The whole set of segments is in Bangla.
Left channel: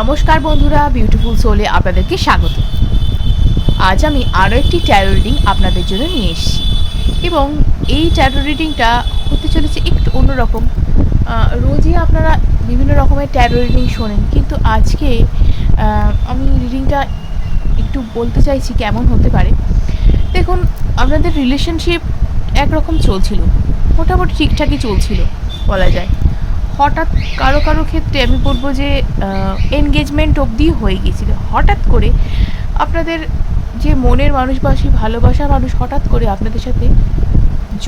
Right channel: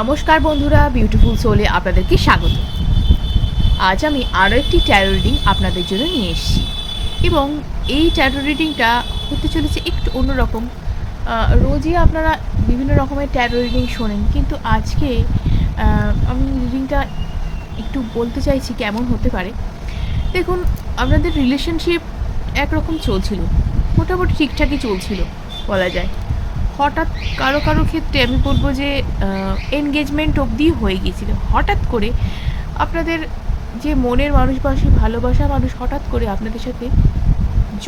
নমস্কার বন্ধুরা বিউটিফুল সোলে আপনাদেরকে স্বাগত। আজ আমি আরও একটি ট্যারো রিডিং আপনাদের জন্য নিয়ে এসেছি। এবং এই ট্যারো রিডিংটা হতে চলেছে একটু অন্যরকম। রোজই আপনারা বিভিন্ন রকমের ট্যারো রিডিং শোনেন, কিন্তু আজকে আমি রিডিংটা একটু বলতে চাইছি কেমন হতে পারে। দেখুন আপনাদের রিলেশনশিপ একরকম চলছিল। মোটামুটি ঠিকঠাকই চলছিল, বলা যায়। হঠাৎ কারও কারও ক্ষেত্রে আমি বলব যে এনগেজমেন্ট অবধিও হয়ে গিয়েছিল। হঠাৎ করে আপনাদের যে মনের মানুষ বা সেই ভালোবাসার মানুষ হঠাৎ করে আপনাদের সাথে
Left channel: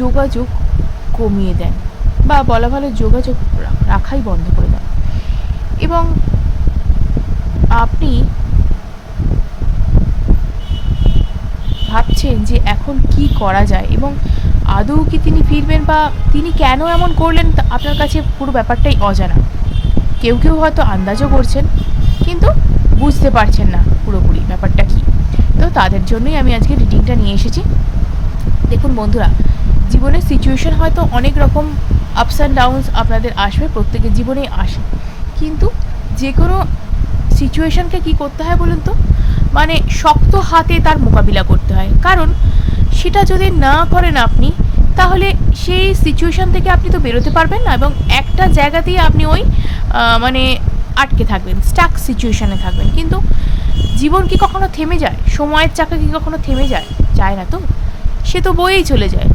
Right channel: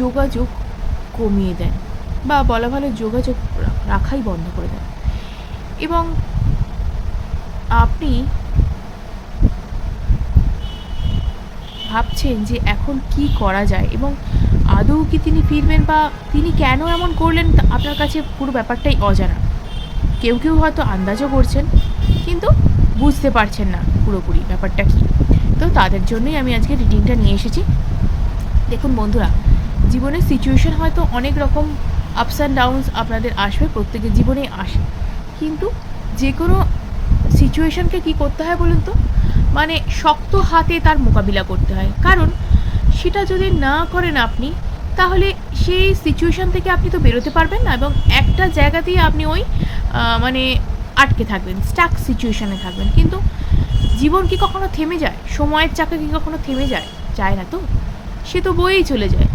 যোগাযোগ কমিয়ে দেন বা বলা ভালো যোগাযোগ রাখাই বন্ধ করে দেন। এবং আপনি ভাবছেন যে এখন কি করা যায় এবং আদৌ কি তিনি ফিরবেন বা তিনি কেন এমন করলেন আপনার কাছে পুরো ব্যাপারটাই অজানা। কেউ কেউ হয়তো আন্দাজও করছেন, কিন্তু বুঝতে পারছেন না পুরোপুরি ব্যাপারটা কি। তো তাদের জন্যই আমি আজকে রিডিংটা নিয়ে এসেছি। দেখুন বন্ধুরা, জীবনের সিচুয়েশন হয়তো অনেক রকম আপস অ্যান্ড ডাউনস আপনাদের আসবে, প্রত্যেকের জীবনেই আসে। কিন্তু যে কোনো সিচুয়েশনকে কী করতে হয় বলুন তো? মানে শক্ত হাতে তার মোকাবিলা করতে হয়। কারণ সেটা যদি না করেন আপনি, তাহলে সেই সিচুয়েশান থেকে আপনি তো বেরোতে পারবেন না এবং একটা জায়গাতেই আপনি ওই মানে আটকে থাকবেন স্টাক সিচুয়েশানে থাকবেন। কিন্তু জীবন কি কখনো থেমে যায়? সময়ের চাকা কি কখনো থেমে যায়? যায় না তো। সে তো বয়েই চলে যায়।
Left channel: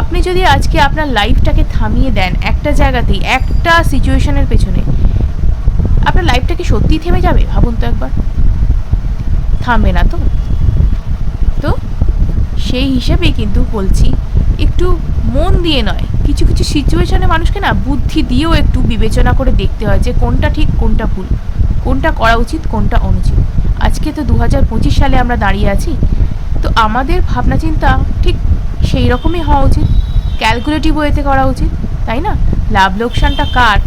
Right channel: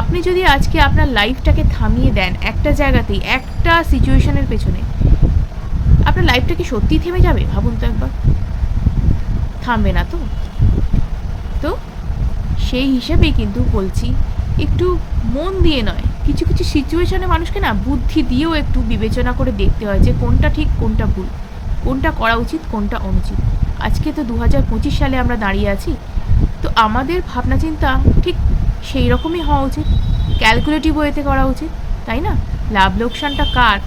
আপনি যদি আজকে আপনার লাইফটাকে থামিয়ে দেন একটা জায়গাতেই, একটা সিচুয়েশনের পেছনে, আপনার লাইফটা কি সত্যিই থেমে যাবে? ভাবুন তো একবার। থামবে না তো তো। সেই হিসেবেই কিন্তু বলছি, একটু মন দিয়ে নয়। কিছু কিছু সিচুয়েশনে মানুষকে না বুদ্ধি দিয়েও একটু বিবেচনা করে দেখতে হয় যে কোনটা ঠিক, কোনটা ভুল, কোনটা করা উচিত, কোনটা অনুচিত। আজকে তো দু হাজার পঁচিশ সালে আমরা দাঁড়িয়ে আছি, তো আমাদের ভাবনা চিন্তা ঠিক সেই রকমই হওয়া উচিত। ক্যালকুলেটিভ ওয়েতে করা উচিত, তাই না? লাভ লোকসানটা কার?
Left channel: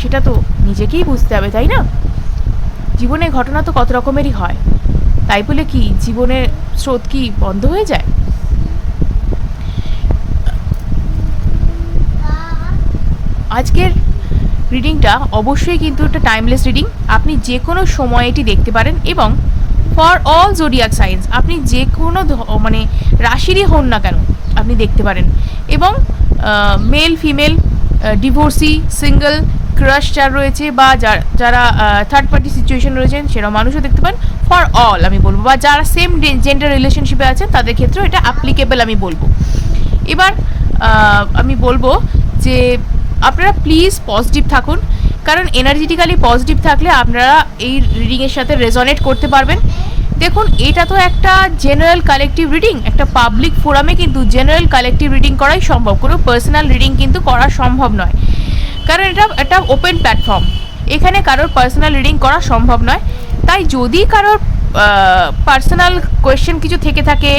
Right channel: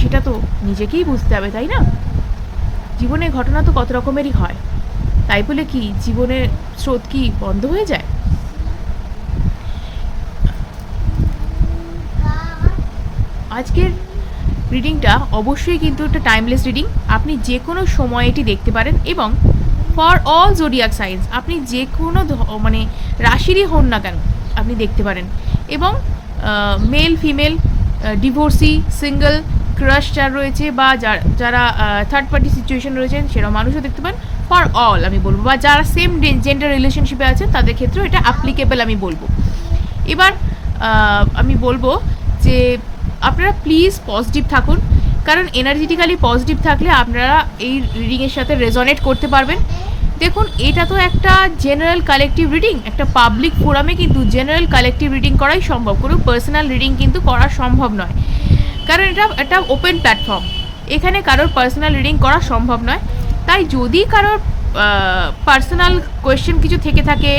সেটা তো নিজেকেই বুঝতে হবে, তাই না? জীবনে ঘটনা তো কত রকমেরই হয়। তাই বলে কি, জীবনের স্রোত কি বন্ধ হয়ে যায়? আজকের রিডিংটা অবশ্যই কিন্তু একটা টাইমলেস রিডিং আপনি যে কোনো সময় এটি দেখতে পারেন এবং ফর অল জোডিয়াক সাইন্স আপনি যে কোনো মানে রাশিরই হন না কেন, আপনি দেখতে পারেন। এবং male female divorcee single crush যার রয়েছে বা যার- যারা থার্ড পার্টি সিচুয়েশন রয়েছেন সেরকম মানুষও দেখতে পান ফর অল আমি বলব, বা যারা সেম জেন্ডার রিলেশনশিপে আছেন তাদের ক্ষেত্রেও এটা অ্যাপ্লিকেবল আমি বলব। এবার আমি বলব যে আপনারা প্লিজ পজিটিভ থাকুন। কারণ এনার্জেটিক্যালি পজিটিভ থাকলে আপনারা এই রিডিংয়ের সাথে রেজনেট করতে পারবেন। দেখুন, এটা তো একটা জেনারেল কালেকটিভ রিডিং একটা পাবলিক ফোরামে কিন্তু জেনারেল কালেকটিভ রিডিং করাই সম্ভব। কোনো পার্সোনাল রিডিং কিন্তু করা সম্ভব নয়। কারণ এটা একটা ওপেন প্ল্যাটফর্ম এখানে কারোর পার্সোনাল রিডিং করা সম্ভব নয়। তাই যদি কারোর পার্সোনাল কোয়েশ্চেন কিছু থেকে থাকে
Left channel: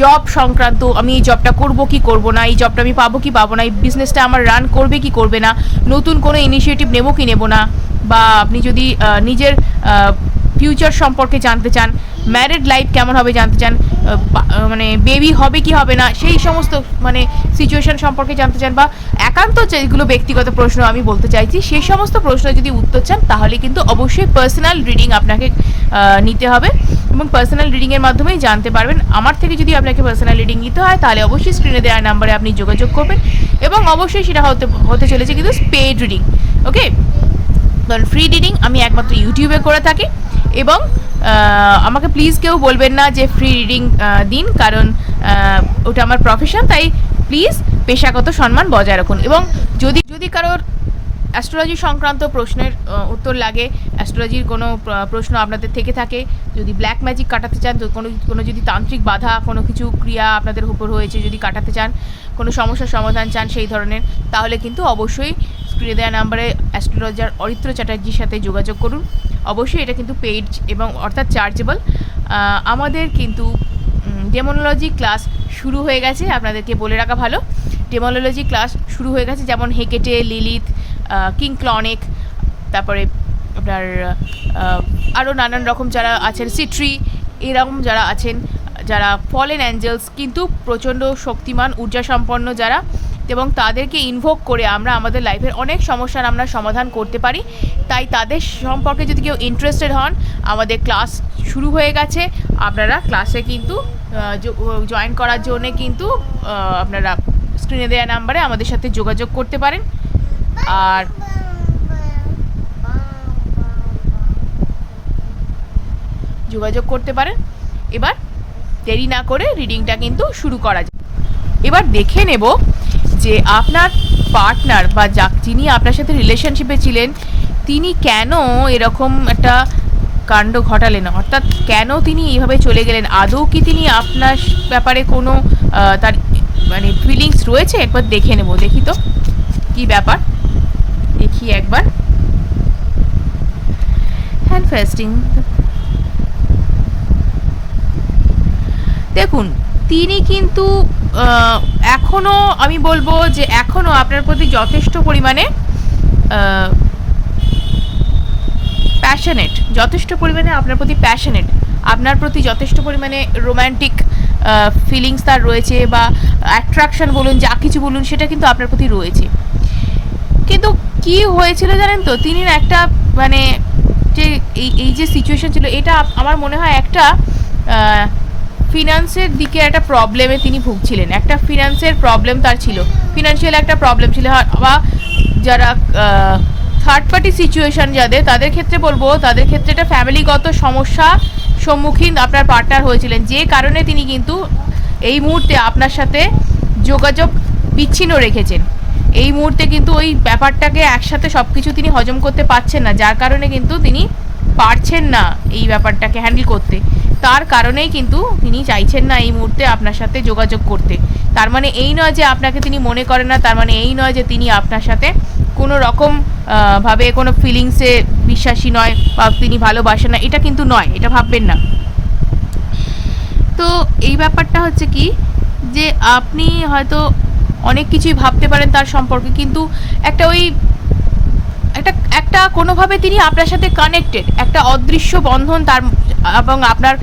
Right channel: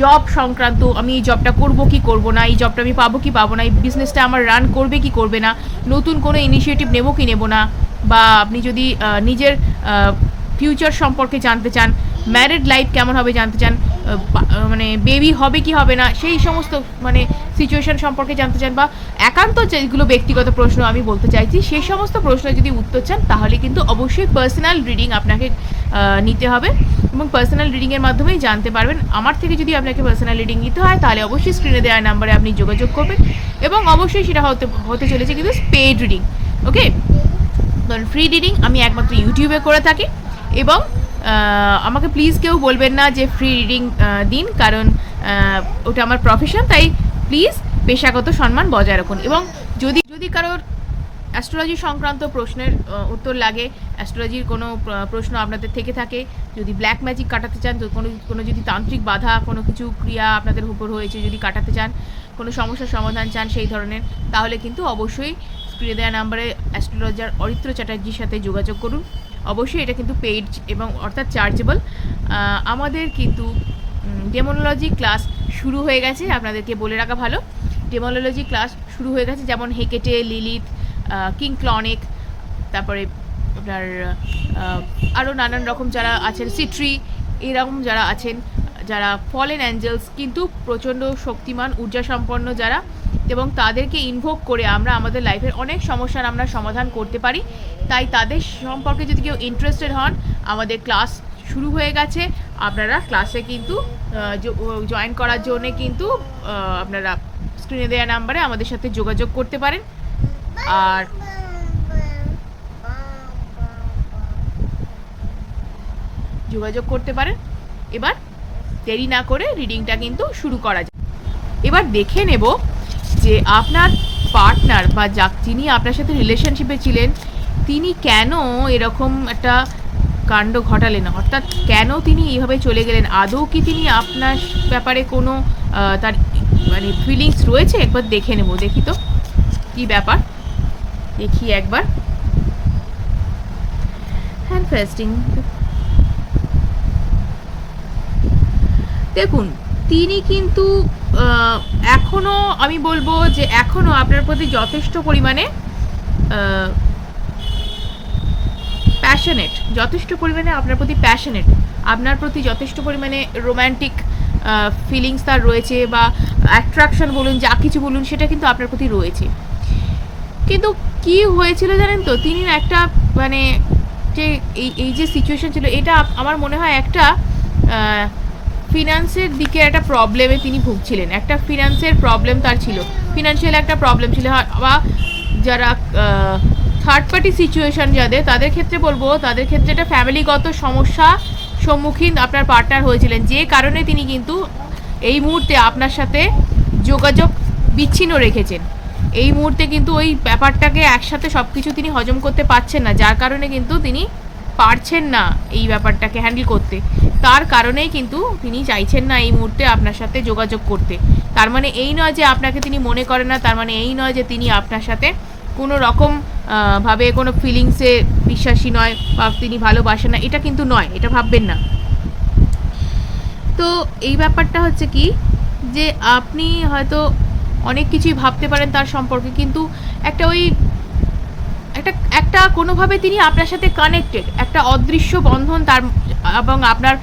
জব সংক্রান্ত আমি এই জবটা করব কি করব না, এই জবটা আমি পাবো কি পাবো না, এই বিজনেসটা আমার রান করবে কি করবে না, নতুন কোনো ইনিশিয়েটিভ নেব কি নেব না, বা আপনি যদি নিজের ফিউচার সম্পর্কে জানতে চান ম্যারিড লাইফ কেমন হবে জানতে চান মানে বেবি হবে কি হবে না, সেই সমস্ত মানে সিচুয়েশন সম্পর্কে জানতে চান বা একান্ত যেগুলো ব্যক্তিগত প্রশ্ন আমি বলতে চাইছি, সেই সমস্ত প্রশ্ন যদি উত্তর চান, তাহলে কিন্তু অবশ্যই পার্সোনাল রিডিং আপনাকে নিতে হবে এবং পার্সোনাল রিডিংয়ের মাধ্যমেই জানতে পারবেন। আমার থেকে যদি আপনাকে পার্সোনাল রিডিং নিতে হয়, তাহলে অবশ্যই স্ক্রিনে দেওয়ার নাম্বারে আপনি যোগাযোগ করবেন এবং অবশ্যই সেটা হতে হতে চলেছে কিন্তু পেড রিডিং ওকে কারণ ফ্রি রিডিং আমি একমাত্র ইউটিউবে করে থাকি। এবং আমাকে প্লিজ কেউ বলবেন না যে ফ্রি রিডিং দিন, কারণ ওটা আমার প্রফেশন তাই প্লিজ পেশাগত সম্মান বজায় রাখুন। এবং যদি যদি কারোর অ্যাস্ট্রোলজি সংক্রান্ত প্রশ্নের উত্তর লাগে অ্যাস্ট্রোলজির কোনো প্রশ্ন আপনাদের থেকে থাকে, যদি ব্ল্যাক ম্যাজিক কাটাতে চান কোনো কোনো যদি তান্ত্রিক বাধা, কোনো কিছু ক্রিয়া আপনাদের উপর হয়েছে, যদি কাটাতে চান, কোনো সমস্যার সমাধান চান সেই ধরনের, তাহলে কিন্তু অবশ্যই স্ক্রিনে দেওয়া নাম্বারে অ্যাস্ট্রোলজার অরিত্র চ্যাটার্জির সাথে যোগাযোগ করুন। অবশ্যই এটা কিন্তু পেইড এবং অর্থাৎ চার্জেবল। আমাদের কিন্তু ডেমোনোলজি ক্লাস শুরু হয়ে গেছে, আপনাদেরকে বলে রাখা ভালো। ডেমোনোলজি ক্লাস শুরু হয়ে গেছে, যেমন হেকেটে, লিলিথ কিং ক্লনিক, তারপরে আপনার আরও নানান রকম যারা আছেন, সিট্রি, এরকম যারা আছেন, যারা ফলেন অ্যাঞ্জেলস, কিন্তু প্রচণ্ড শক্তিমান ঊর্জা সম্পন্ন যারা এবং তাদেরকে ইনভোক করে আমরা আমাদের লাইফের অনেক সমস্যার আমরা সমাধান করতে পারি। তাই তাদের সম্পর্কে যদি কেউ ইন্টারেস্টেড হন, আমাদের ক্লাস শুরু হয়ে গেছে। আপনারা ক্লাসে কিন্তু জয়েন করার জন্যে কিন্তু আপনারা স্ক্রিনে দেওয়া নাম্বারে আমাদের সাথে যোগাযোগ করতে পারেন। আর যোগাযোগ করতে পারেন। এবার দেরি না করে রিডিংটা কিন্তু শুরু করা যায় এবার দেখে নেব যে আপনার পার্টনার বা যা যিনি আপনার সাথে রিলেশনশিপে ছিলেন, তিনি কেন এরকম একটা কাণ্ড ঘটালেন? অর্থাৎ কেন তিনি এইভাবে চলে গেলেন? আদৌ কি তিনি আপনার ব্যাপারে কোনো তার মানে ফিলিংস রয়েছে? একবার দেখে নেব। দেখি তো, কি ব্যাপার? দেখি একবার। হ্যান্ড ফেস্টিং দেখুন তিনি কিন্তু আহ, এখনও আমি বলব যে এখনও আপনার প্রতি যথেষ্ট পরিমাণে প্যাশনেট যথেষ্ট পরিমাণে আপনার প্রতি প্যাশনেট আপনার প্রতি যথেষ্ট পরিমাণে রোম্যান্টিক ফিলিংস তার রয়েছে বা অ্যাট্রাকশন বলুন যা কিছু বলুন সেটা কিন্তু আপনার প্রতি রয়েছে। কিন্তু কি হয়েছিল জানেন তো তিনি একটা মানে যে এই এই যে সিচুয়েশন ছিল এটা আমার মনে হয় একটা ফিনান্সের দিকে একটা প্রবলেমে তিনি ভুগছিলেন। একটা ফিনান্সের প্রবলেম তার ছিল। ফিনান্সিয়াল একটা প্রবলেম ছিল। বা যারা থার্ড পার্টি সিচুয়েশন যাদের, তাদের ক্ষেত্রে বলব, তাদের ক্ষেত্রে একটা ফ্যামিলিগত সমস্যা সম্মুখীন আপনার পার্টনার হয়েছিলেন। যে কারণে তিনি কিন্তু এই মুহূর্তে আপনার সাথে যোগাযোগ বিচ্ছিন্ন রেখেছেন। এই মুহূর্তে কিন্তু ওই ব্যাপারটাকে একসাথে সব কিছু তিনি হজম করতে পারছেন না। যার কারণে কিন্তু তিনি পারছেন না এই ব্যাপারটাকে হ্যান্ডেল করতে। তার কারণেই কিন্তু তিনি চাইছেন না এই মুহূর্তে আপনার সাথে যোগাযোগ করতে। তার মানে এই নয় যে আপনাকে তিনি মনে করেন না, তার মানে এই নয় যে তিনি আপনার সাথে কোনো রকম ভাবে কোনো ফিলিংসে বিশ্বাসী নয় বা তিনি ভালোবাসেন না। এটা কিন্তু নয়, এটা ভাববেন না। তো এই ব্যাপারটা হচ্ছে কি যে আপনি হয়তো অনেক কিছুই ভাবতে পারেন তার সম্পর্কে, কিন্তু একটা ওই একটা একটা কোনোভাবে তিনি আপনার সাথে কানেক্টেড একটা অদৃশ্য বন্ধন তার, এবং আপনার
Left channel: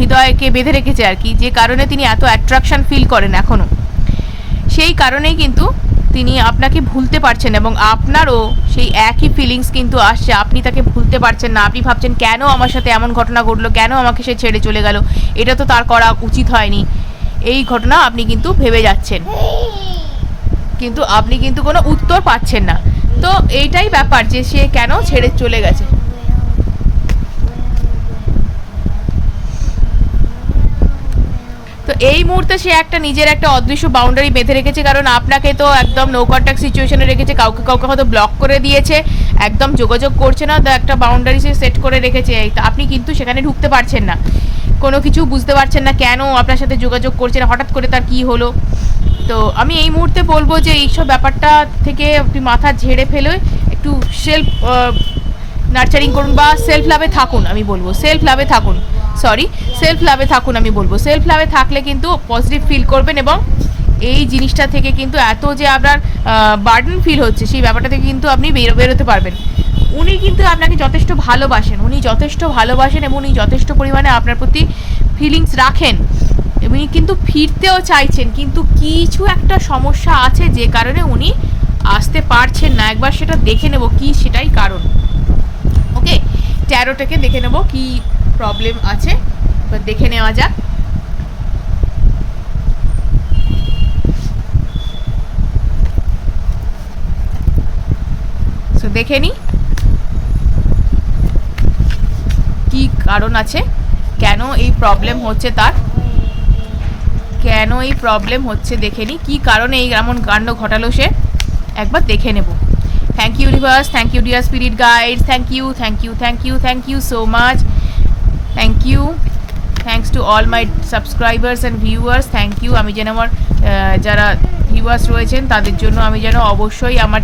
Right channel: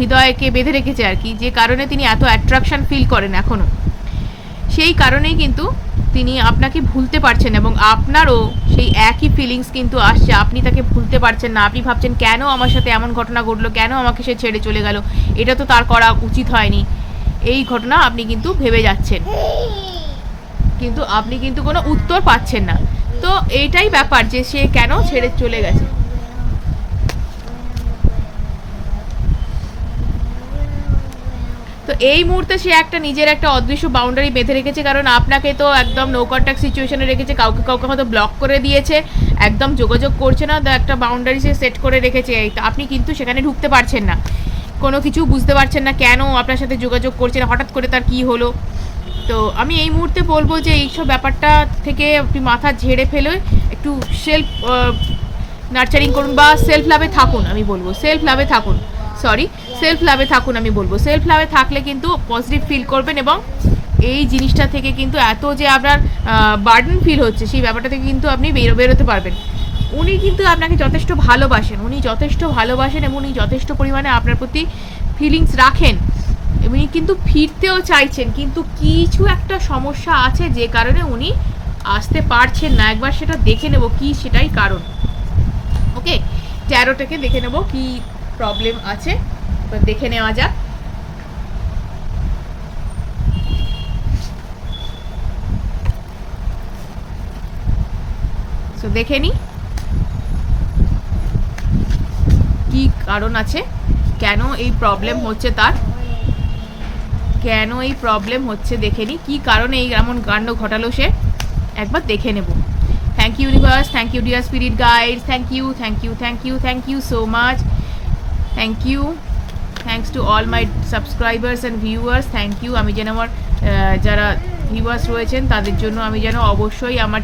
হৃদয়কে বেঁধে রেখেছে আর কি, যে কারণে তিনি এত অ্যাট্রাকশন ফিল করেন এখনও সেই কারণেই কিন্তু তিনি আপনাকে ভুলতে পারছেন এবং আপনারও সেই একই ফিলিংস কিন্তু আসছে, আপনি তাকে ভুলতে পারছেন না, আপনি ভাবছেন কেন আমার সাথে এমন ঘটনা ঘটলো, কেন আমাকে সে ছেড়ে চলে গেল, এটা তো তার করা উচিত হয়নি। এই ঘটনা আপনি কিন্তু ভেবে যাচ্ছেন। কিন্তু আপনি কিন্তু কোনো উত্তর পাচ্ছেন না। তো এইটাই ব্যাপার যে সে কেন ছেড়ে চলে গেছে। তো এই মুহূর্তে সে একটা নিজের একটা অদৃশ্য বাউন্ডারি বেঁধে রেখেছে, কারণ আপনাকে তো একদম নো কন্ট্যাক্ট সিচুয়েশনে রেখেছে, কাউকে কাউকে হয়তো ব্লক করে দিয়েছে, একদম যোগাযোগ করছে না, তো একটা বাউন্ডারি সে সেট করে রেখেছে। আপনি কিন্তু সেখানে ঢুকতে পারছেন না। কোনো কিছু বুঝতে পারছেন না কেন আপনার সাথে যোগাযোগ করছেন, হঠাৎ করে তার কি হলো? তো আমি এই মুহূর্তে বলব যে এইসব ব্যাপারটা থেকে আপনি মাথা ঝেড়ে ফেলে একটু সেলফ নার্চারিং করুন বা সেলফ লাভে থাকুন আমি বলব। সেলফ লাভে থাকুন সরি সেলফ লাভে থাকুন আমি বলব। সেলফ লাভে থাকলে কিন্তু পজিটিভ ফিল করবেন এবং এই জিনিসটা থেকে কিন্তু এত যে আপনার বার্ডেন ফিল হচ্ছে, সেই ব্যাপারটা থেকে কিন্তু আপনি বেরো, বেরোতে পারবেন। উনি কিন্তু আপনাকে যথেষ্ট ভালোবাসেন। উনি যথেষ্ট ভালোবাসেন এবং উনি যথেষ্ট পরিমাণে আপনার প্রতি ফিলিংস রাখেন। উনি কিন্তু ফিরতেও চাইছেন, কিন্তু কিছু একটা সমস্যা আছে যে কারণে উনি আসতে পারছেন না। একবার সেটা দেখে নেব কি সেটাই কারণ। ওকে? ট্যারোটাকে দেখে নেব কি প্রবলেম আছে। তো দেখে নেওয়া যাক। দেখে নি। কি কারণ আছে? কেন এই প্রবলেম হচ্ছে তার? কেন এই প্রবলেম হচ্ছে দেখে নি? কী কারণে এই এমন কাণ্ড ঘটালো সে? একবার দেখে নেব। Thank you universe thank you dear spirit guide thank you thank you thank you thank you so much thank you thanks to all my subscribers and viewers thank you আমি যেন আমার যারা ভিউয়ার্স রয়েছেন, তাদের জন্য আমি যেন অবশ্যই আমার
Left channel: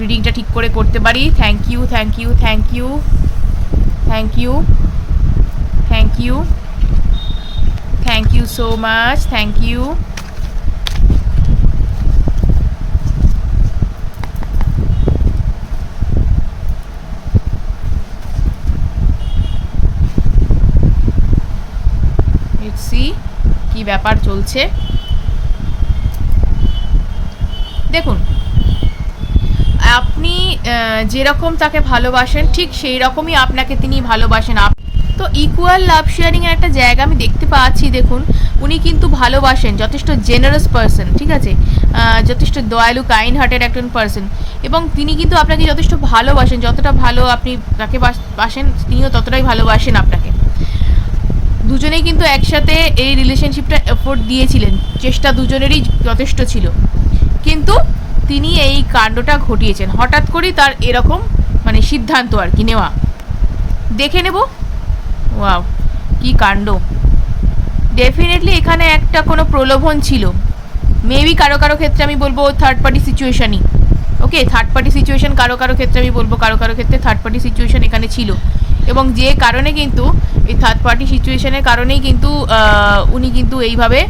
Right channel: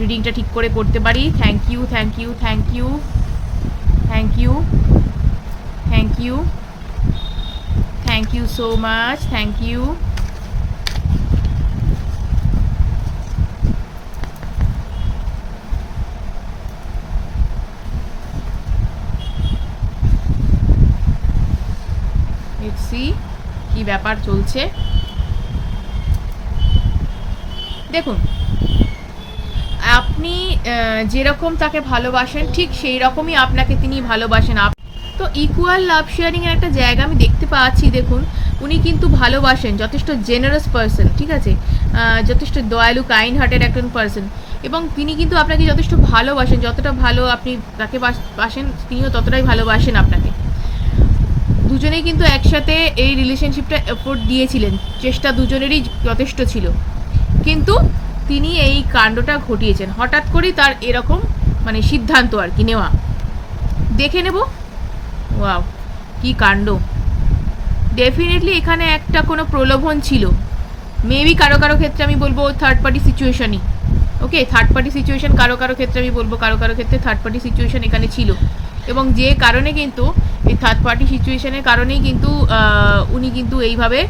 রিডিংটা ঠিক করে করতে পারি। Thank you thank you thank you thank you thank you thank you so much thank you C কি ব্যাপার চলছে। দেখুন আপনি যেরকম তাকে ভালোবাসেন, ঠিক সেই রকমই আপনাকে তিনি ভালোবাসেন। তো ইকুয়াল লাভ শেয়ারিং এর একটা জায়গা আমি দেখতে পাচ্ছি, দেখুন। উনি কিন্তু ভালোবাসেন, যথেষ্ট জেনারাস পার্সন ঠিক আছে? যথেষ্ট দয়ালু কাইন্ড হার্টেড একজন পার্সন এবং তিনি কিন্তু আপনাকে যথেষ্ট ভালোবাসেন, যতটা ভালো আপনি তাকে বাস- বাসেন, তিনিও ততটাই ভালোবাসেন আপনাকে। দুজনেই কিন্তু একসাথে এই রিলেশনশিপটা এফোর্ট দিয়েছিলেন। চেষ্টা দুজনেরই যথেষ্ট ছিল। কিন্তু তিনি এই কাণ্ডটা ঘটিয়েছেন। হঠাৎ করেই তার এরকম মানে সিদ্ধান্ত আর কি নেওয়া। দেখে নেব। ওয়াও, কি কাণ্ড। ডেফিনেটলি এখানে একটা কোনো প্রলোভন ছিল। মেবি কারও কারও ক্ষেত্রে আমি বলব থার্ড পার্টি সিচুয়েশানই ওকে থার্ড পার্টি সিচুয়েশান কারও কারও ক্ষেত্রে আমি বলব কারও কারও ক্ষেত্রে থার্ড পার্টি সিচুয়েশান এখানে ছিল। এবং যে কারণে কিন্তু, এই থার্ড পার্টি সিচুয়েশনের কারণেই কিন্তু উনি কিন্তু এইভাবে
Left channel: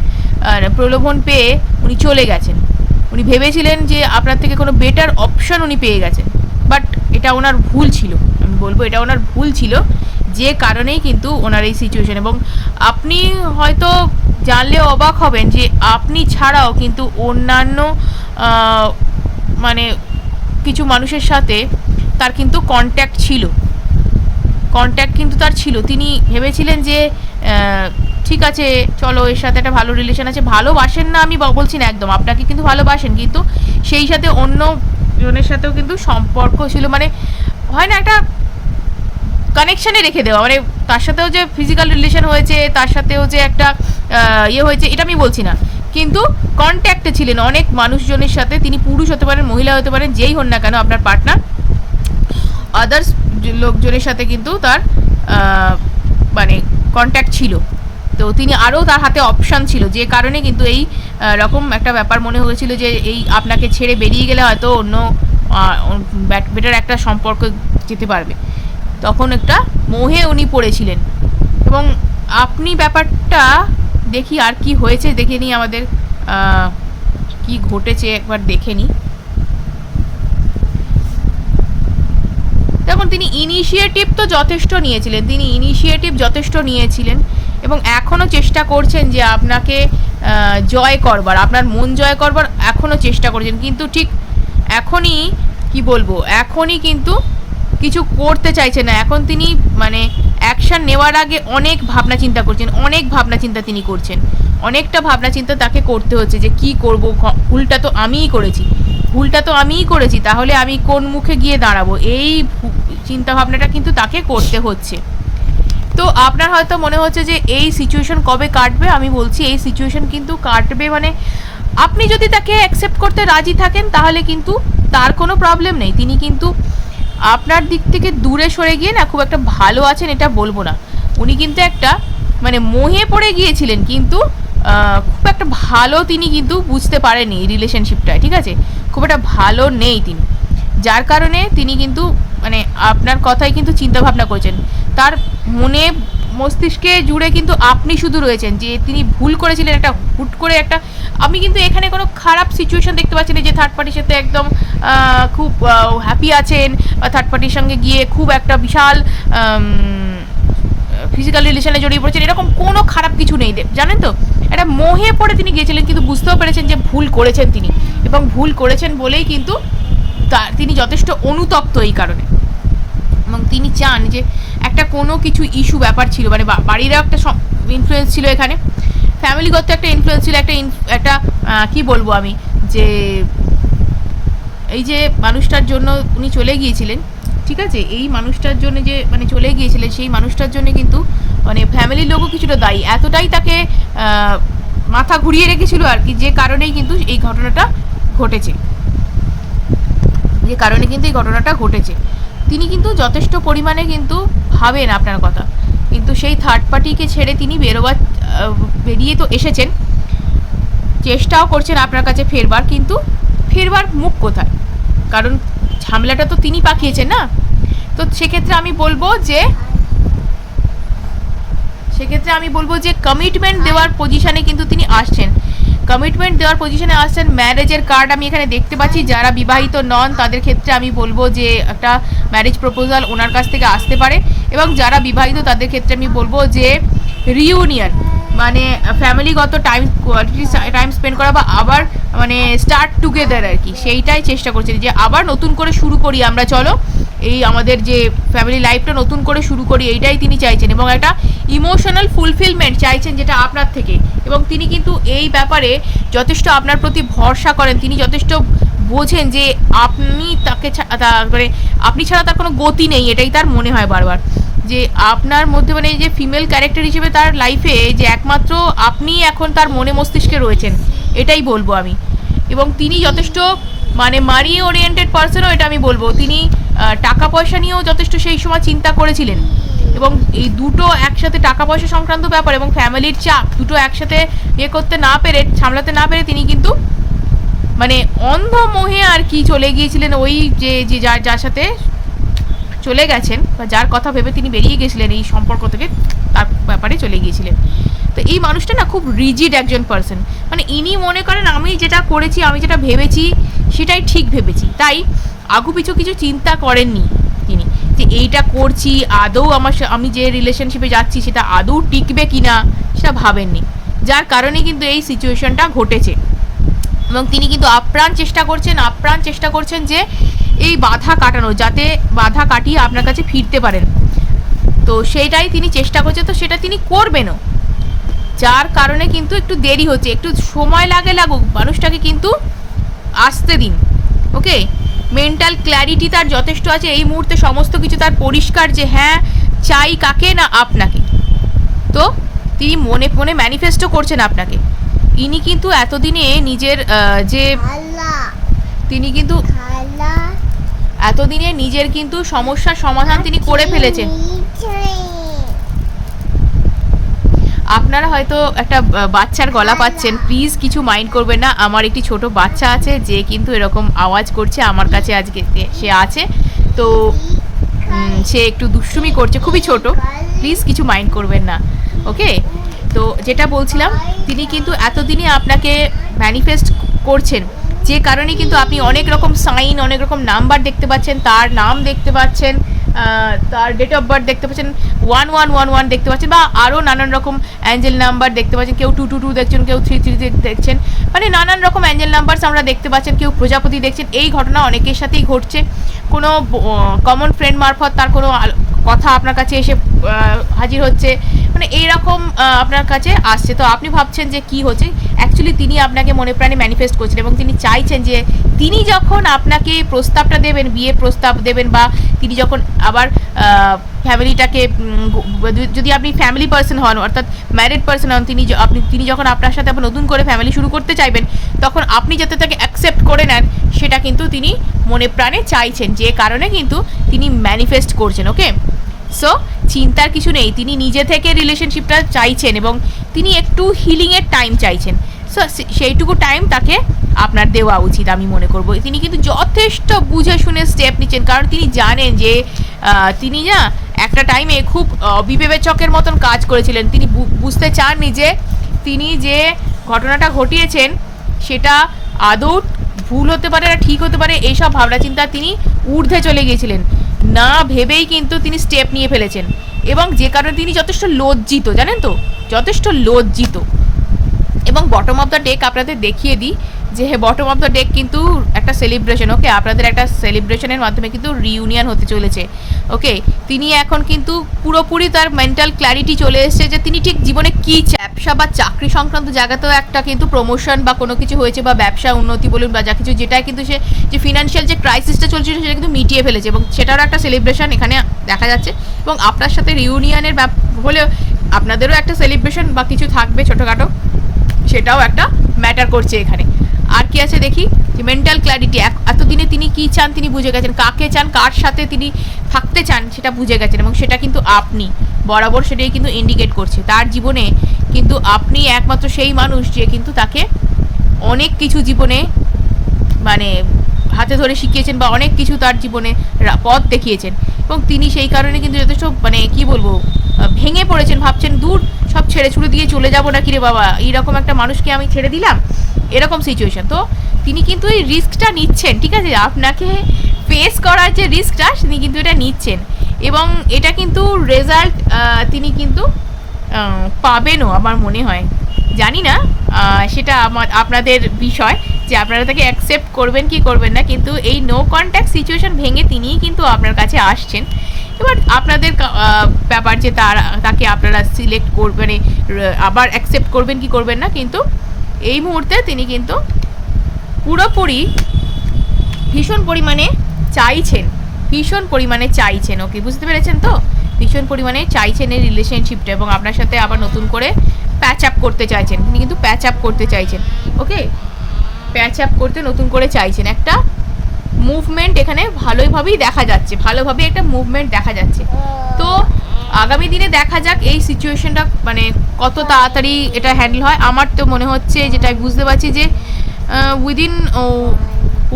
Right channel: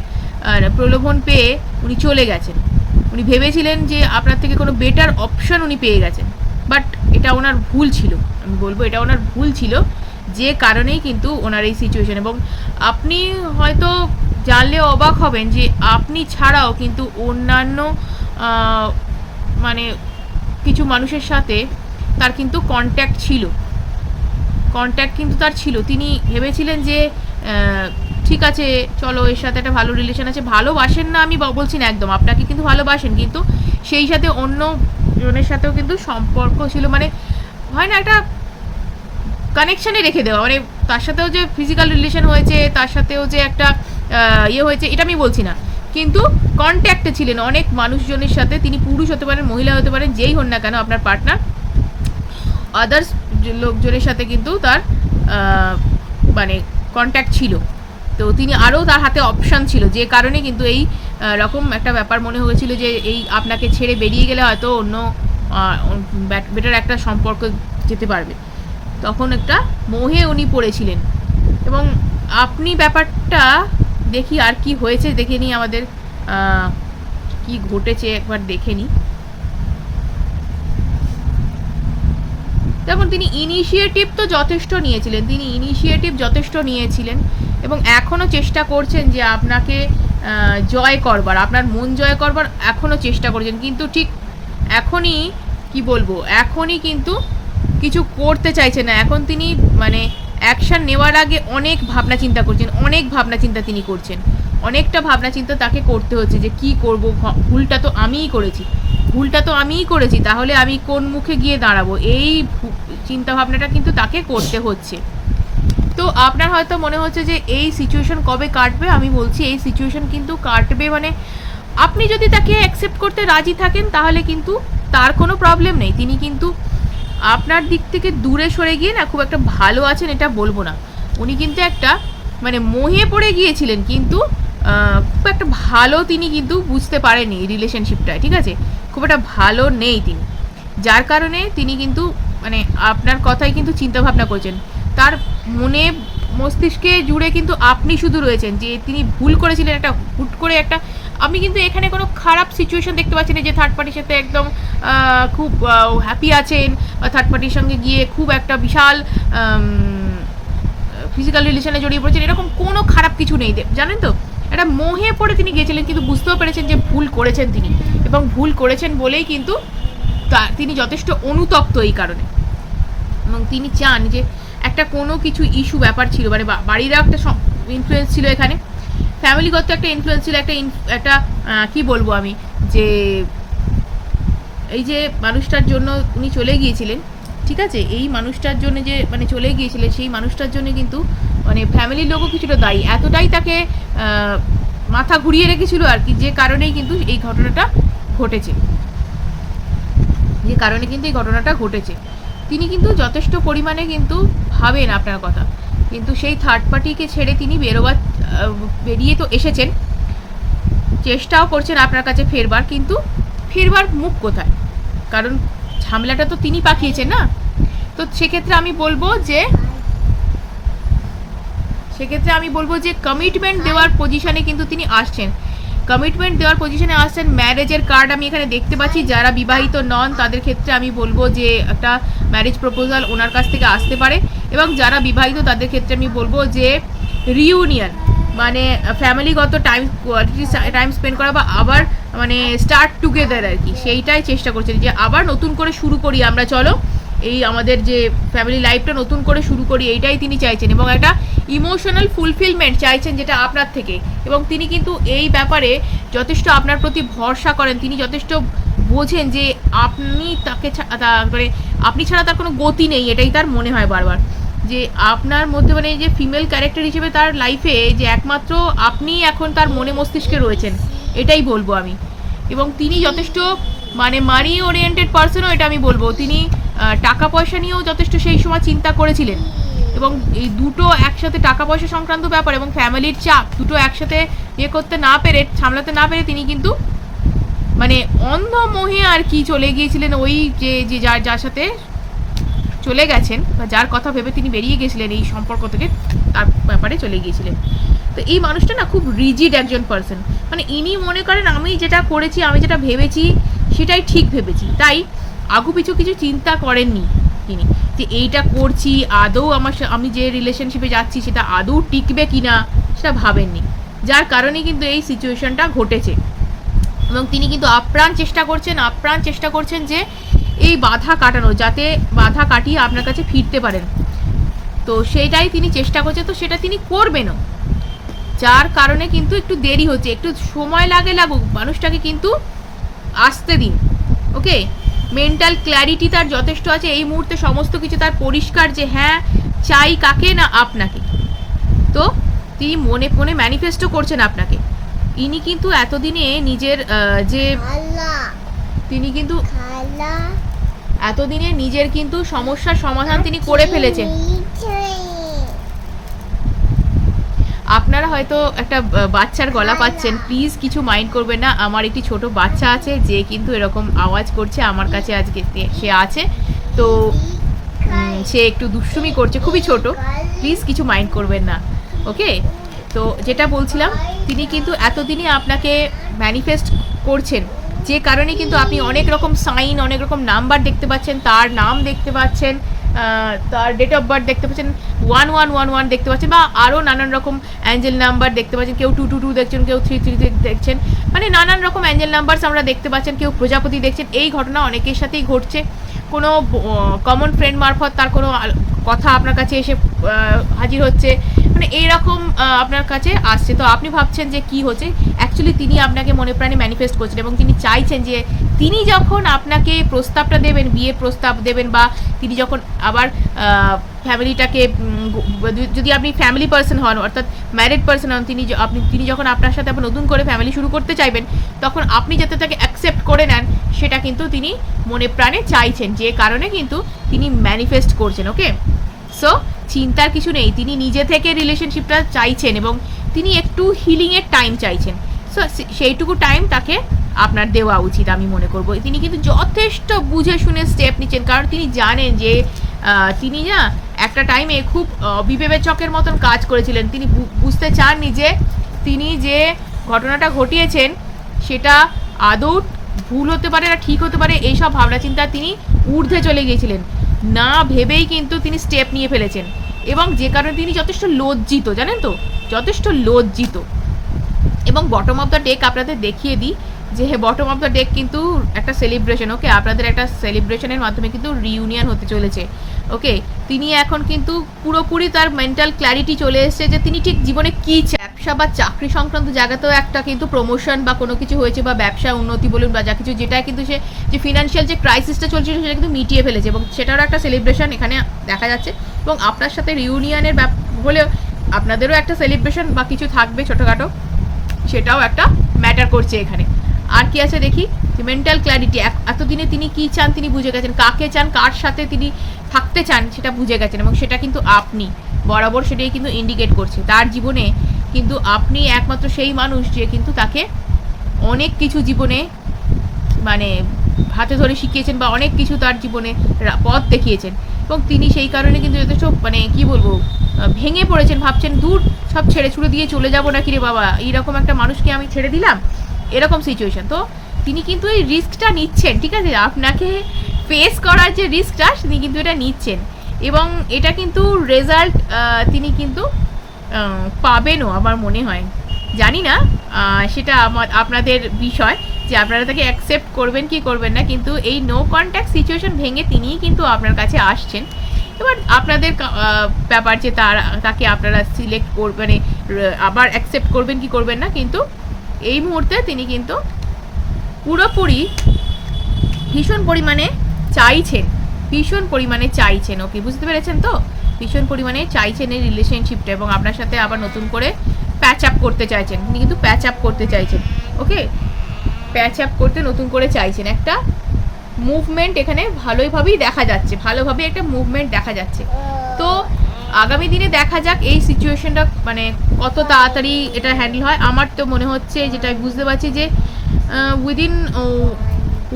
প্রলোভন পেয়ে উনি চলে গেছেন। উনি ভেবেছিলেন যে আপনার থেকে কোনো বেটার অপশন উনি পেয়ে গেছেন। বাট এটা ওনার ভুল ছিল। আমি বলব এটা ওনার ভুল ছিল যে কারণেই কিন্তু ওনার এই সিচুয়েশন এবং আপনি হয়তো জানলে অবাক হবেন যে আপনি ছাড়াও কিন্তু অন্যান্য মানে কিছু মানুষের সাথে তার কিন্তু কন্ট্যাক্ট ছিল। কন্ট্যাক্ট কিন্তু তার ছিল। তিনি ভেবেছিলেন যে ঠিক আছে, চলো এর সাথে একটা ভালো রিলেশন আছে। ভালোবাসেন না আমি বলছি না একদম, আপনাকে কিন্তু ভালোবাসেন, কিন্তু সেই সাথে অন্য জনের সাথেও কিন্তু সম্পর্ক ছিল। মানে হয় না, একটা কানেকশানে রেখে দেওয়া। মানে তার সাথেও যে ফিজিক্যাল রিলেশন হয়েছে, তার সাথেও যে একটা ইয়ে হয়েছে, এটা আমি বলছি না। কিন্তু কন্ট্যাক্টে ছিলেন অনেক মানুষজনের সাথে। তিনি পুরুষ হতে পারেন, মহিলা হতে পারেন, যেই হন না কেন আপনার পার্টনার আদার্স লোকজনের সাথে কিন্তু তার মানে কন্ট্যাক্ট ছিল। তো তিনি আরও তার হাতে অপশান ছিল। যে কারণে কিন্তু এই রকম একটা ব্যাপার মনে হয়েছিল যে এই আপনাকে ছেড়ে বেরিয়ে গেলে হয়তো অন্য বেটার একটা সম্পর্ক যেতে পারবে। তখন একটা মোহে উনি পড়েছিলেন। এবং আপনি ব্যাপারটা দেখি আর কি হয়েছে দেখে নিই আমাদের কি ঘটেছে একবার দেখে নিই। যেমন তিনি ইনিশিয়েটিভ তো যথেষ্ট নিয়েছিলেন। তিনি ইনিশিয়েটিভ যথেষ্ট নিয়েছিলেন। এবং এখনও চেষ্টা করছেন যে আপনাকে জয় করবার, আপনার মন জয় করবার এখনও চেষ্টা করছেন। কিন্তু ঠিক এখনই, কি বলব, এখনই কিন্তু কিছু করতে চাইছেন না। এখন তিনি মানে অ্যাকশন নেওয়ার আগে অনেক ভাবনা চিন্তা করছেন, অনেক ভাবনা চিন্তা তিনি করছেন। অনেকটা ভাবনা চিন্তা তাকে করতে হচ্ছে যে কি করব ভুলটা তো আমিই করেছি। ভুলটা তো আমিই করেছি, তাহলে আমি কোন মুখে গিয়ে দাঁড়াবো? এই চিন্তা ভাবনাটা কিন্তু তাকে করতে হচ্ছে। তো আপনার হয়তো মনে হচ্ছে যে এই সিচুয়েশন কবে কাটবে? আমি বলছি এই সিচুয়েশন কিন্তু কাটবে মানে আপনি যদি তাকে অ্যাকসেপ্ট করতে রাজি থাকেন, তাহলে কিন্তু তার কোনো প্রবলেম নেই। তিনি কিন্তু আপনার দিক থেকে দূরে সরে গিয়ে না খুব একটা ভালো আছেন এটা বলব না। উনি কিন্তু একটা মানে মোহে পড়ে গিয়েছিলেন কিন্তু খুব একটা ভালো তিনি কিন্তু বুঝতে পারেনি রিলেশনশিপটায় ঠিক আছে? খুব একটা ভালো নেই তিনি। যার কারণে তিনি কিন্তু মানে আপনার কথাই কিন্তু চিন্তা ভাবনা করছেন। তার মনে মস্তিষ্কে জুড়ে কিন্তু আপনি শুধু রয়েছেন, যে তিনি ভুল করেছিলেন একটা হুট করে একটা, আমি কিন্তু এখানে কোনো খারাপ সিচুয়েশন দেখতে পাচ্ছি না যে থার্ড পার্টির সাথে একদম খুব হ্যাপি আছেন, বা থার্ড পার্টির সঙ্গে গিয়ে খুব একটা বিশাল ফিজিক্যাল রিলেশনে জড়িয়ে পড়েছেন, এরকম কোনো খারাপ কিছু নেই। জানেন তো? একটা মোহে পড়ে তিনি গিয়েছিলেন, কিন্তু বুঝতেও পেরেছেন যে ভুল করেছেন তিনি। এবং ভুল করেছেন বলেই কিন্তু তা তিনি যথেষ্ট অনুতপ্ত এই কারণে। এবং তিনি চান যে একটা কোনো কিছু ইস্যু ব্যাপার ছিল মানে বাড়িরও একটা ইনফ্লুয়েন্স ছিল এখানে। ফ্যামিলিগত একটা ইনফ্লুয়েন্স ছিল, একটা একটা কি বলব আমি, যে এই যে মানুষটার জন্য উনি চলে গিয়েছিলেন, ঠিক আছে? এই মানুষটার জন্য যে মানে চলে গিয়েছিলেন, সেই মানুষটার জন্য কিন্তু মানে ফ্যামিলির লোকও কিছুটা দায়ী। এতটাই তাকে মাথা ঘুরিয়ে রেখেছিল আর কি, যে কারণেই কিন্তু এই ঘটনাটা ঘটেছে। যে কারণে কিন্তু এই ঘটনাটা ঘটেছে। তিনি কিন্তু যথেষ্ট পরিমাণে কিন্তু ভাবেন আপনার কথা। কিন্তু সেই থার্ড পার্টিকে ছেড়ে তিনি বেরোবার বেরিয়ে তো এসেছেন। চেষ্টাও করছেন আপনার কাছে ফেরবার, কিন্তু ফেরবার মুখ কোথায়? কারণ ঝামেলাটা তো তিনি পাঠিয়েছেন না। তো সেক্ষেত্রে আমি বলব যে, সেক্ষেত্রে আমি বলব যে কমিটমেন্ট দেওয়ার পজিশনে কিন্তু তিনি আসছেন। কমিটমেন্ট দেওয়ার পজিশনে আসছেন ম্যারেজের কার্ড আমি এখানে দেখতে পাচ্ছি। যারা বিবাহিত নন, তাদের ক্ষেত্রে আমি বলব যে একটা ম্যারেজ প্রপোজাল ওনার কাছ থেকে আসতে পারে। এবং যারা বিবাহিত, তাদের ক্ষেত্রে আমি বলব যে রিউনিয়ন মানে ফ্যামিলিগত টাইম কোয়ালিটি টাইম স্পেন্ড করা বা আবার মানে স্টার্ট টুগেদার আর কি, সেইটাই চেষ্টা করছেন যে আবার নতুন করে শুরু করি আমরা, চলো। এই আমাদের যে ফ্যামিলি লাইফটা নতুন করে শুরু করি, এইটাই তিনি চাইছেন এবং একটা ইমোশনাল ফুলফিলমেন্ট চাইছেন যেটা আপনার থেকে। এবং তিনি কিন্তু এই ব্যাপারে যথেষ্ট আপনার প্রতি ভরসা করেন। তিনি যথেষ্ট বোঝেন যে আপনি তাকে মানে আপনি ছাড়া তার কোনো গতি নেই, এটাই তার মনে হয় বারবার। যে আপনার মধ্যে মানে যে ফিমেল ক্যারেক্টার হিসেবে তার লাইফে যে একমাত্র আপনি এখন তার মনে মস্তিষ্কে রয়েছেন, এটাই বলব আমি। এবং তিনি যথেষ্ট মানে মানি ওরিয়েন্টেড পার্সনও এটা আমি বলব। তিনি টাকা পয়সা নিয়েও যথেষ্ট সেই সময় চিন্তা করেছিলেন। এবং এই দুটো একসাথে টাকা পয়সা সংক্রান্ত ব্যাপার এবং ফ্যামিলির চাপ দুটো একসাথে ইয়ে করতে না পেরে, সামলাতে না পেরে তিনি কিন্তু মানে অন্ধ মোহে আর কি চলে গিয়েছিলেন ওই যে যে যার যার সাথে চলে গেছেন বা যার কথা ভেবে তিনি বেরিয়ে গেছিলেন এই সম্পর্ক থেকে, তার ব্যাপারে চলে গিয়েছিলেন। তো এই মানুষটা না খুব রিজিড একজন পার্সন মানে ইনি মনে করেন, আমি যেটা করেছি, আমি যেটা ভেবেছি সেটাই ঠিক ভেবেছি। তাই আগু পিছু কিছু চিন্তা করেননি তিনি যে এইটা করছি, আদৌ আমার আমি যে রিলেশনশিপে যাচ্ছি সেটা আদৌ টিকবে কিনা সেটা ভাবেননি। যার কারণে কিন্তু এই সিচুয়েশনটা ঘটেছে। এবং তিনি কিন্তু আপ্রাণ চেষ্টা করছেন, আপ্রাণ চেষ্টা করছেন যে এই বাধা কাটানো যাতে বাধা কাটিয়ে আপনার কাছে ফিরতে পারেন। তো সেইটাই তিনি চেষ্টা করছেন, তো সেটা তিনি করবেনও। যার কারণে কিন্তু একটু দেরি হচ্ছে, একটু সময় লাগে লাগুক, মানুষটাকে কিন্তু আসতে দিন ওকে মেন্টাল ক্ল্যারিটি তার যথেষ্ট আছে এই মুহূর্তে সমস্ত কিছু তার পরিষ্কার যে হ্যাঁ চাই কাকে না আপনাকে। তো তিনি মনে মনে ম্যানিফেস্টো করছেন আপনাকে। ইনি কিন্তু এতদিনে নিজের যে তিনি কিন্তু এতদিনে নিজের কিন্তু সমস্যার সমাধান তিনি করে ফেলেছেন। আপনারা হয়তো একটা বাচ্চার গলা পাচ্ছেন। প্লিজ কিছু মাইন্ড করবেন না। আমার একটি ছোট বাচ্চা আছে, যে কিন্তু এরকম আওয়াজ করছে আমার কাছে আজকে সে আছে। তো সে একটু দুষ্টুমি করছে, খুবই ছোট। প্লিজ কিছু মাইন্ড করবেন না। ওকে তো যেটা বলছিলাম, তিনি কিন্তু এতদিনই আপনাকে ম্যানিফেস্ট করছেন। যে কারণে কিন্তু আপনি অনেক রকম সাইন অনেক রকম নাম্বার দেখতে পাচ্ছেন, তার নাম দেখতে পাচ্ছেন। তার ডেট অফ বার্থ দেখতে পাচ্ছেন ওয়ান ওয়ান ওয়ান ওয়ান দেখতে পাচ্ছেন, বা আরও নানান রকম অ্যাঞ্জেল নাম্বার দেখতে পাচ্ছেন, কেউ টু টু টু দেখছেন, কেউ থ্রি থ্রি দেখছেন মানে নানান রকম অ্যাঞ্জেল নাম্বারস আমরা দেখতে পাচ্ছেন, কেউ প্রজাপতি দেখছেন, এই ঘটনা অনেকের সাথেই ঘটছে। কোনো কমন ফ্রেন্ড মারফত তার কোনো কথা আপনার কাছে এসে হাজির হচ্ছে মানে এইরকম আপনার কাছে আসছে। তো আপনি ভাবছেন যে কি হচ্ছে? অ্যাকচুয়ালি তিনি আপনাকে মনে প্রাণে ম্যানিফেস্ট করছেন এবং তিনি চাইছেন যে তিনি যখন আপনাকে প্রস্তাবটা দেবেন, বিয়ের প্রস্তাব দেবেন বা তিনি যখন আবার ফ্যামিলিটাকে যদি আপনি ফ্যামিলি পার্সন হন, অর্থাৎ ম্যারিড পার্সন হন, তিনি আপনি, তিনি যখন আপনার সাথে আবার নতুন করে ফ্যামিলি শুরু করতে চাইবেন, তখন আপনি যাতে তাকে অ্যাকসেপ্ট করে নেন, সেটা কিন্তু তিনি মনে প্রাণে চাইছেন। যে কারণে কিন্তু তিনি ম্যানিফেস্ট করছেন ওকে সো চিন্তার কিছু নেই। তিনি নিজে থেকে রিলেশনশিপটা চাইছেন এবং তিনি একটু হিলিংয়ের টাইম চাইছেন। সো, সেইটুকু টাইম তাকে আপনার দেওয়া উচিত, আমি মনে করব। তিনি কিন্তু যথেষ্ট বুঝে শুনে স্টেপ নিচ্ছেন, কারণ তিনি জানেন যে তিনি না একটা টাইমে খুব বিবেচকের মতন কাজ করেছিলেন। তিনি বুঝতে চাননি যে, তিনি যে ঘটনাটা ঘটিয়েছেন, সেটা আদৌ ভুল হতে পারে না ঠিক হতে পারে, এইসব ভাবনা চিন্তা তিনি ঊর্ধ্বে চলে গিয়েছিলেন। না ভেবেই কিন্তু তিনি স্টেপ নিয়ে ফেলেছেন। এবং যে কারণে তিনি যথেষ্ট লজ্জিত, জানেন তো? যথেষ্ট লজ্জিত। এবং বটম অফ দ্য ডেক আপনাদের দেখিয়ে দিই যে বটম অফ দ্য ডেক কিন্তু একটা সেলিব্রেশন ওকে আপনাদের একটা সেলিব্রেশনের মাধ্যমে কিন্তু রিউনিয়ন হতে চলেছে ওকে তিনি এখন কিন্তু পুরোপুরি তার মেন্টাল ক্ল্যারিটি চলে এসেছে যে তিনি ঠিক জীবনে কী ব্যবসা বা চাকরি সংক্রান্ত জায়গাতেও একটা কিন্তু প্রমোশন বা কোনো কিছু হয়েছে বা ব্যবসা উন্নতি বলুন বা যা কিছু যেটা কিন্তু সে যে ফিনান্সিয়াল যে ক্রাইসিসটা চলছিল সেটা কিন্তু মিটিয়ে ফেলেছে এবং সেটারও একটা সেলিব্রেশন এখানে দেখা যাচ্ছে এবং আপনার সাথে রিউনিয়নের ব্যাপ হলেও আপনাদেরও একটা সেলিব্রেশন বা কিছু থাকবে ছোটোখাটো। সেটাও একটা ম্যাটার করছে এখানে। আর কি আছে দেখি? যে মেন্টাল ক্ল্যারিটি এতদিনে তিনি কি চান তিনি বুঝে গেছেন। কাকে চান, কার সাথে তিনি থাকতে চান সেটা বুঝে গেছেন এবং সেটা কিন্তু আপনি, বরাবর সেটাই কিন্তু ইন্ডিকেট করছে। তার জীবনে কিন্তু আপনি একমাত্র সেই মানুষ যে কিন্তু তাকে অনেক কিছু জীবনে মানে হাতে ধরে শিখিয়েছেন বা অনেক কিছু তার জীবনে পথ দেখিয়েছেন। এবং তিনি সেই কারণে কিন্তু যথেষ্ট মানে কি বলব ভেঙে পড়েছেন, ভাবছেন দূর সব ছেড়ে ছুড়ে দিয়ে চলে যাব না কিরে বাবা? এইরকম একটা মানুষকে আমি ছেড়ে দিলাম। এরকম সিচুয়েশন তো তিনি কিন্তু এই রিস্কটা নিচ্ছেন, ঠিক আছে? আপনাকে ফেস করার যে রিস্কটা তিনি কিন্তু এটা নিচ্ছেন। এবং এটা কিন্তু রেজাল্ট তিনি কিন্তু পাবেনও, আমার মনে হয়। জানি না সেটা আমার, আপনাদের বিষয়। যে আপনারা তাকে অ্যাকসেপ্ট করবেন কি করবেন না কিন্তু এই নো কন্ট্যাক্ট সিচুয়েশন ভেঙে তিনিই কিন্তু আপনার কাছে আসছেন। এবার আপনাদের ব্যাপার যে তার তাকে আপনারা সিলেক্ট করবেন মানে, আবার অ্যাকসেপ্ট করবেন কি করবেন না কিন্তু এই মুহূর্তে তিনি কিন্তু পুরোপুরি ভীষণ পরিমাণে চাইছেন ভীষণ পরিমাণে চাইছেন ওকে বুঝতে পেরেছেন তো? ভীষণ পরিমাণে চাইছেন এই রিলেশনশিপটা এবং আপনার সাথে আবার নতুন করে প্যাচ আপ করতে চাইছেন তিনি কিন্তু প্যাচ আপ করতে চাইছেন ওকে প্যাচ আপ করতে নতুন করে চাইছেন। একটা মুভমেন্ট এখানে ভালোইভাবেই দেখা যাচ্ছে ভালোভাবে একটা মুভমেন্ট দেখা যাচ্ছে। তো আগামী দিনে দেখা যাক এই সিচুয়েশনটা মানে কত তাড়াতাড়ি এটা হ্যান্ডেল হয়। আমার তো মনে হচ্ছে যেটা বুঝতে পারছি যে within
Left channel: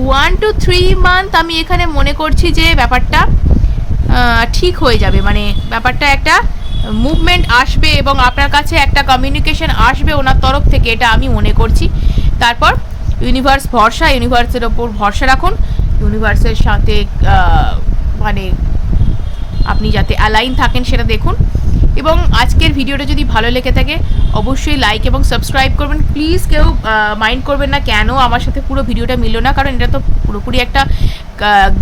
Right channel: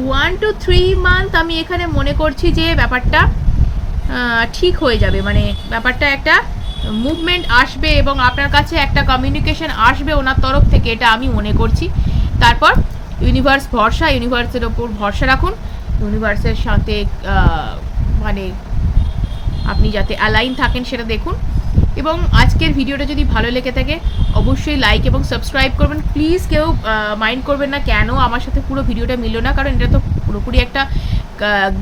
one two three month আমি এখানে মনে করছি যে ব্যাপারটা ঠিক হয়ে যাবে। মানে ব্যাপারটা একটা মুভমেন্ট আসবে এবং আপনার কাছে একটা কমিউনিকেশন আসবে ওনার তরফ থেকে, এটা আমি মনে করছি। তারপর ইউনিভার্স ভরসা ইউনিভার্সের ওপর ভরসা রাখুন। ইউনিভার্সের সাথে মানে আপনি যাতে অ্যালাইন থাকেন সেটা দেখুন। এবং আজকের ভিডিওটা যদি ভালো লেগে থাকে, অবশ্যই লাইক এবং সাবস্ক্রাইব করবেন। প্লিজ কেউ মাইন্ড করবেন না কেন আমার সাথে পুরো ভিডিওটা মিললো না, কারণ এটা তো পুরোপুরি একটা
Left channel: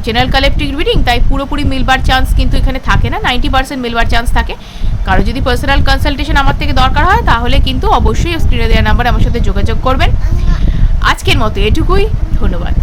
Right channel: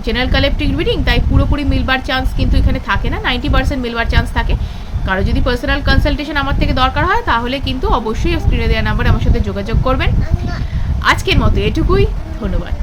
জেনারেল কালেক্টিভ রিডিং তাই পুরোপুরি মিলবার চান্স কিন্তু এখানে থাকে না। নাইনটি পার্সেন্ট মিলবার চান্স থাকে। কারও যদি পার্সোনাল কনসালটেশন আমার থেকে দরকার হয়, তাহলে কিন্তু অবশ্যই স্ক্রিনে দেওয়া নাম্বার আমার সাথে যোগাযোগ করবেন। আজকের মতো এটুকুই ধন্যবাদ।